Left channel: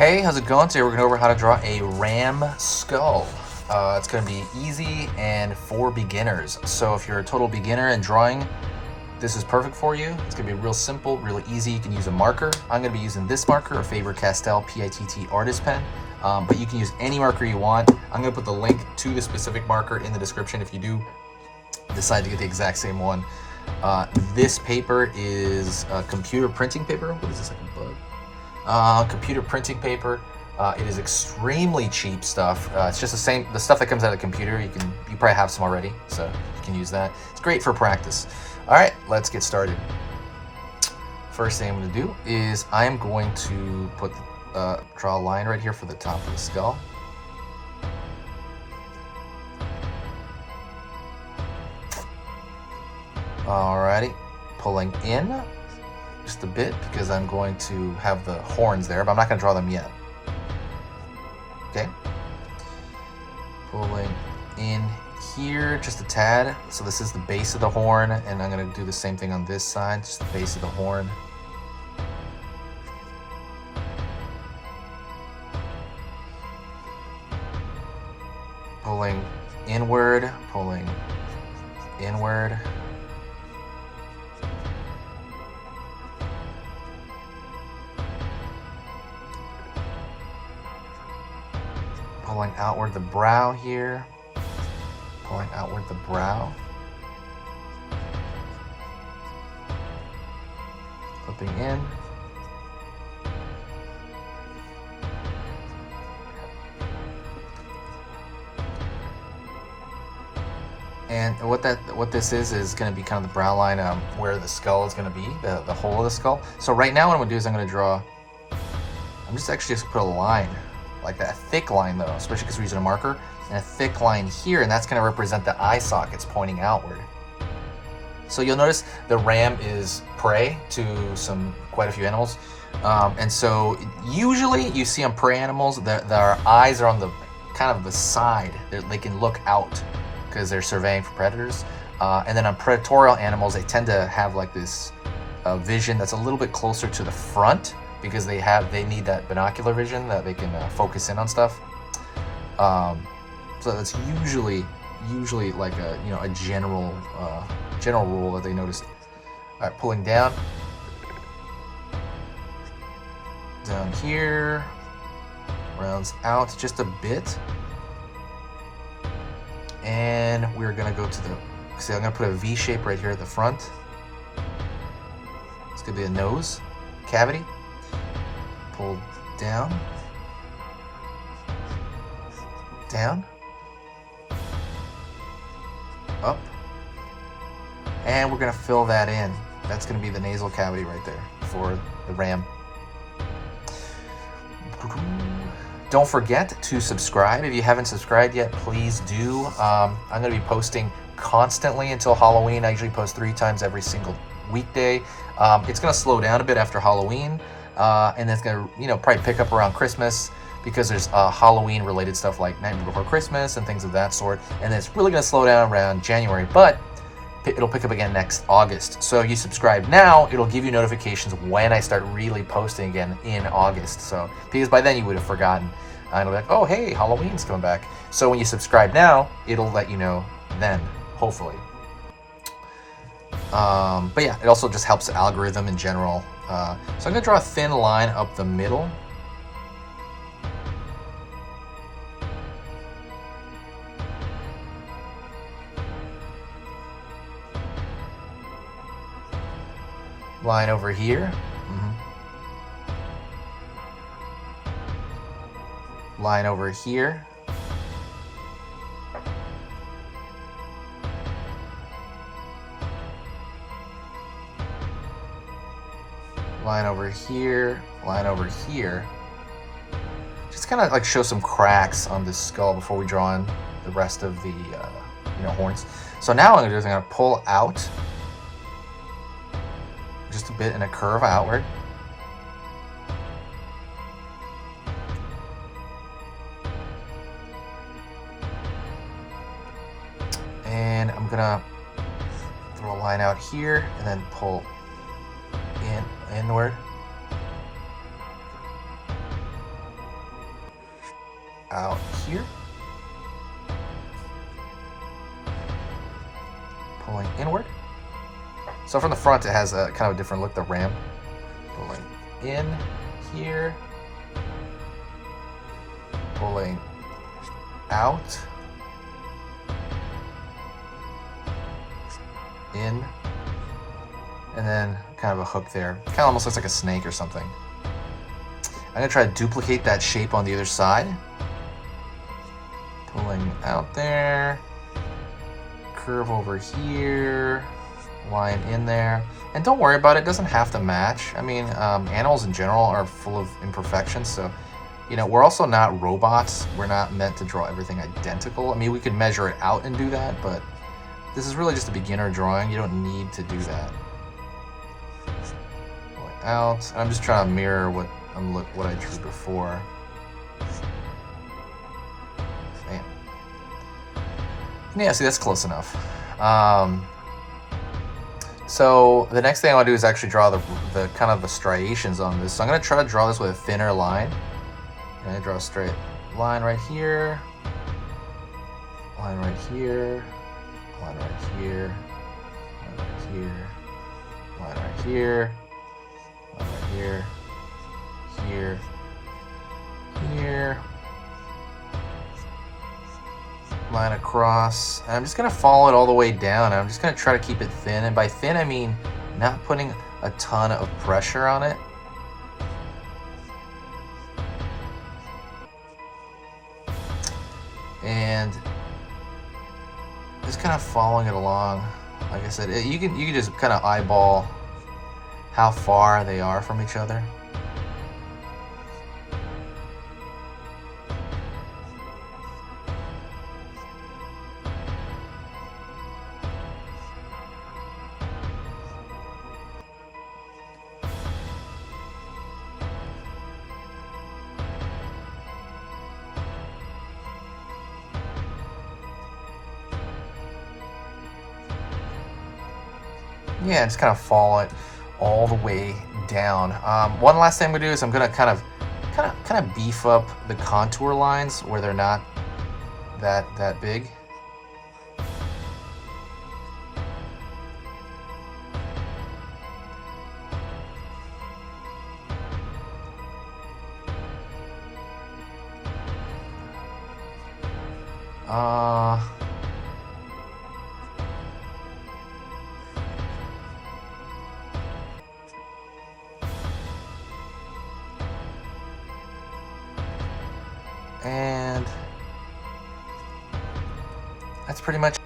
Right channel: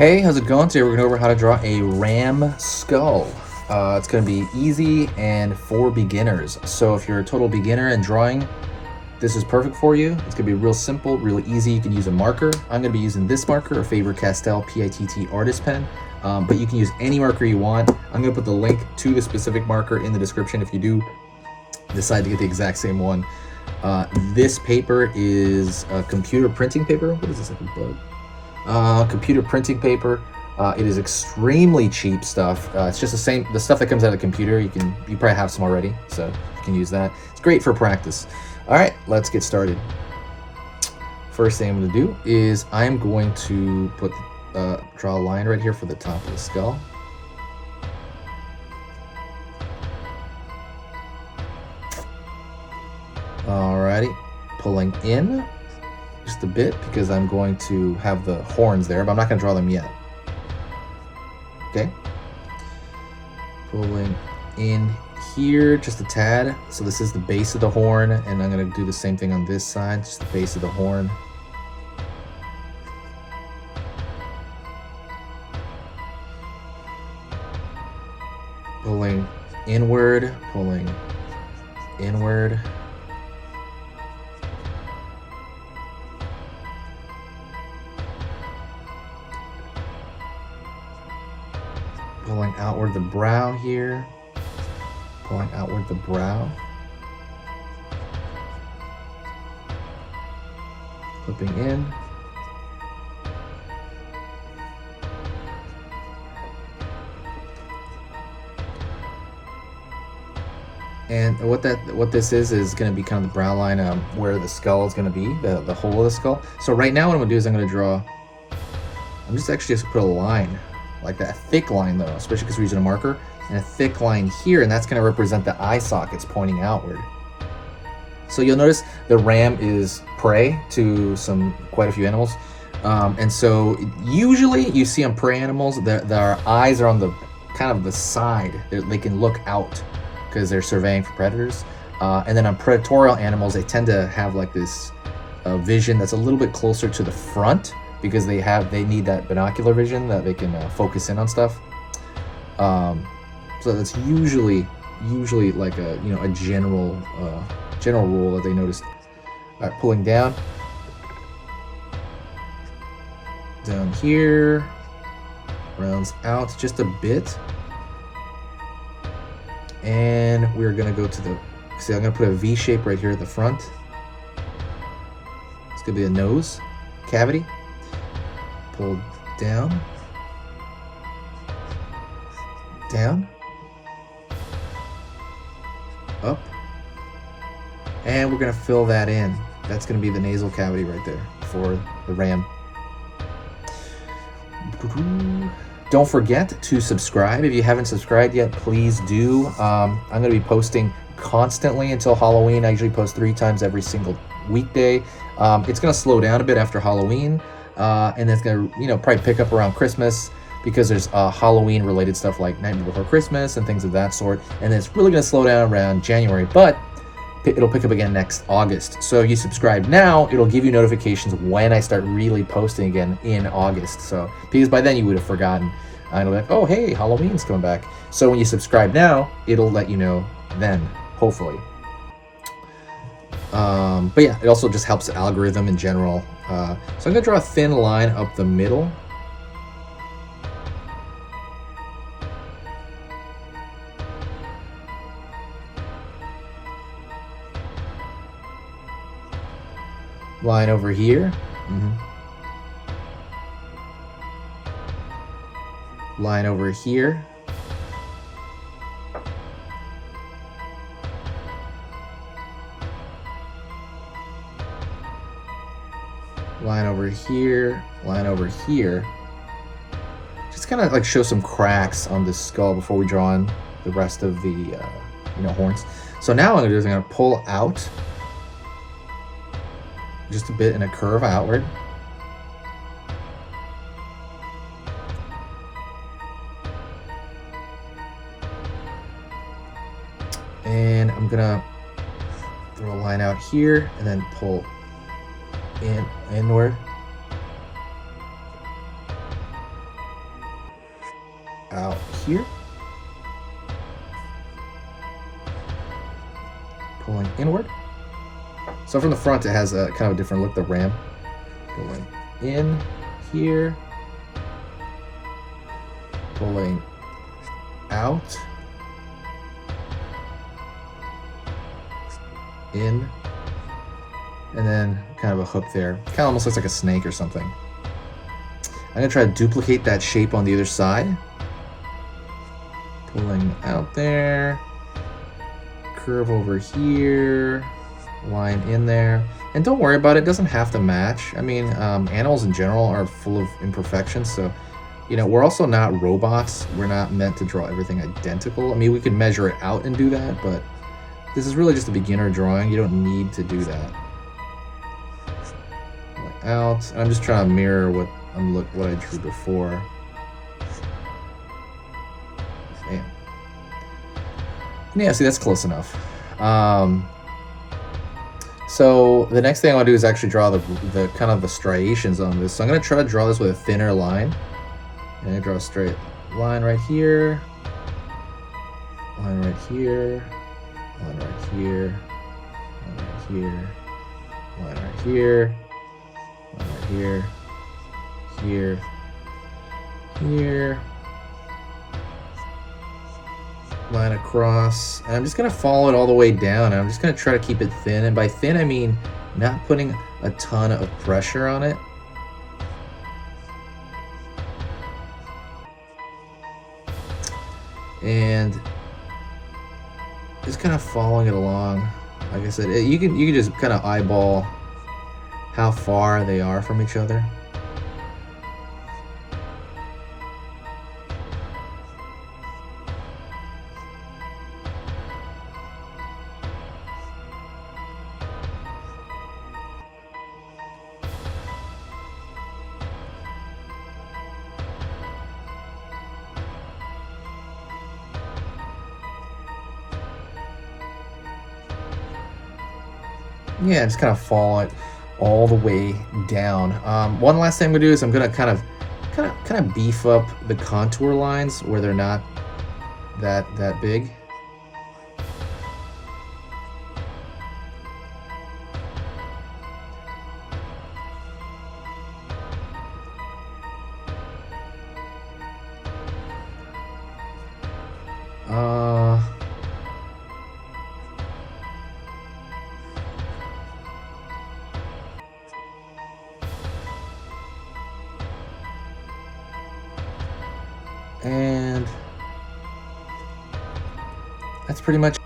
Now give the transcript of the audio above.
Hey, how's it going? Today we're going over how to draw a ram skull. It's going to be easy and for beginners. So if you're a total beginner in drawing, this is perfect for you. It's going to be real simple, really easy. You can use a marker. I'm going to be using this marker, a Faber-Castell PITT artist pen, but you can use any marker you want. I'm going to put the link to the specific marker in the description if you do decide to get the exact same one. This paper is a computer printing paper. What is this, like a bug? Computer printing paper. It is extremely cheap stuff. It's just the stuff that comes out of the computer. You probably have some already, so you can use that. It's great for practice. All right, let's get started. First thing I'm going to do is I'm going to draw a line right here for the top of the skull. Alrighty, pulling in just a bit because I'm going to have the horns there, but I'm not going to draw them yet. Okay. Pulling in here just a tad. So this is the base of the horn, and I'm going to do the same thing on this side, just the base of the horn. Pulling inward, pulling inward. Pulling outward the brow here, pulling outward the brow, clipping in, and what this is going to be kind of the brow line where the skull is going to be, the hole of the skull. So right now what I'm going to do is I'm just put a line. Like that, a thick line though, especially because we're using a marker, and a thick line here, and that's going to represent the eye sockets pointing outward. So you'll notice the ram is prey to quite a few animals, and so usually you see on prey animals that their eyes are on the kind of the side. They can look out because they're surveying for predators, and then on predatorial animals they tend to have like this vision that's a little bit closer to the front, because they need that binocular vision that they can focus in on stuff. So that's usually like a general rule that they noticed. All right, pulling down here, rounds out just a bit, and we're gonna go to I'm gonna put a V shape right here at the front. It's gonna be a nose cavity. Pull down, up, and we're going to fill that in. That's going to be the nasal cavity right there for the ram. Don't forget to subscribe. If you haven't subscribed yet, please do. I'm going to be posting constantly until Halloween. I usually post 3 times every single weekday. It's going to slow down a bit after Halloween. And it's gonna, probably pick up around Christmas, because there's Halloween related stuff like Nightmare Before Christmas and things of that sort. And then it's really gonna slow down around January, but it'll pick up again next August. So if you subscribe now, it'll give you notifications when I start really posting again in August. So because by then you would have forgotten, and it'll be like, oh hey, Halloween's coming back. So when you subscribe now, it'll let you know then, hopefully. But yeah, it also just helps the algorithm in general. So I'm gonna draw a thin line up the middle. Line over here. Line over here. Line over here, line over here. Just kind of like show some cracks on this skull before we draw in the rest of the horns. So now what I'm gonna do is I'm gonna pull out just a bit in a curve outward. And I'm gonna throw a line out here and then pull inward. out here. Pulling inward. So from the front, it has a kind of a different look, the ram. Pulling in here. Pulling out. In. And then kind of a hook there. Kind of almost looks like a snake or something. I'm going to try to duplicate that shape on the other side. Pulling out there. Curve over here. Line in there. And don't worry about it. It doesn't have to match. I mean, animals in general are full of imperfections. So, you know, we're also not robots. We're not meant to draw everything identical. I mean, we could measure it out and do that, but this is really just a beginner drawing. You don't need to do that. Out. I'm just trying to mirror what I drew before. Bam. Yeah, see, that's close enough. So the next thing I want to do is actually draw the kind of the striations on this. So I'm going to try to draw this with a thinner line. And I draw a straight line right here. Line right here. Line right here. Line right here. Line right here. Line right here. Here. Here. Line across. And I'm just going to follow it all the way down. I'm just going to try to keep it thin. And by thin, I mean not putting a ton of pressure on it. And just kind of following it along. Like I said, you can just kind of eyeball how far they are from each other. Yeah, just kind of follow it all the way down. One last thing I'm gonna do is I'm gonna kind of beef up the contour lines where they're not that big. And that's pretty much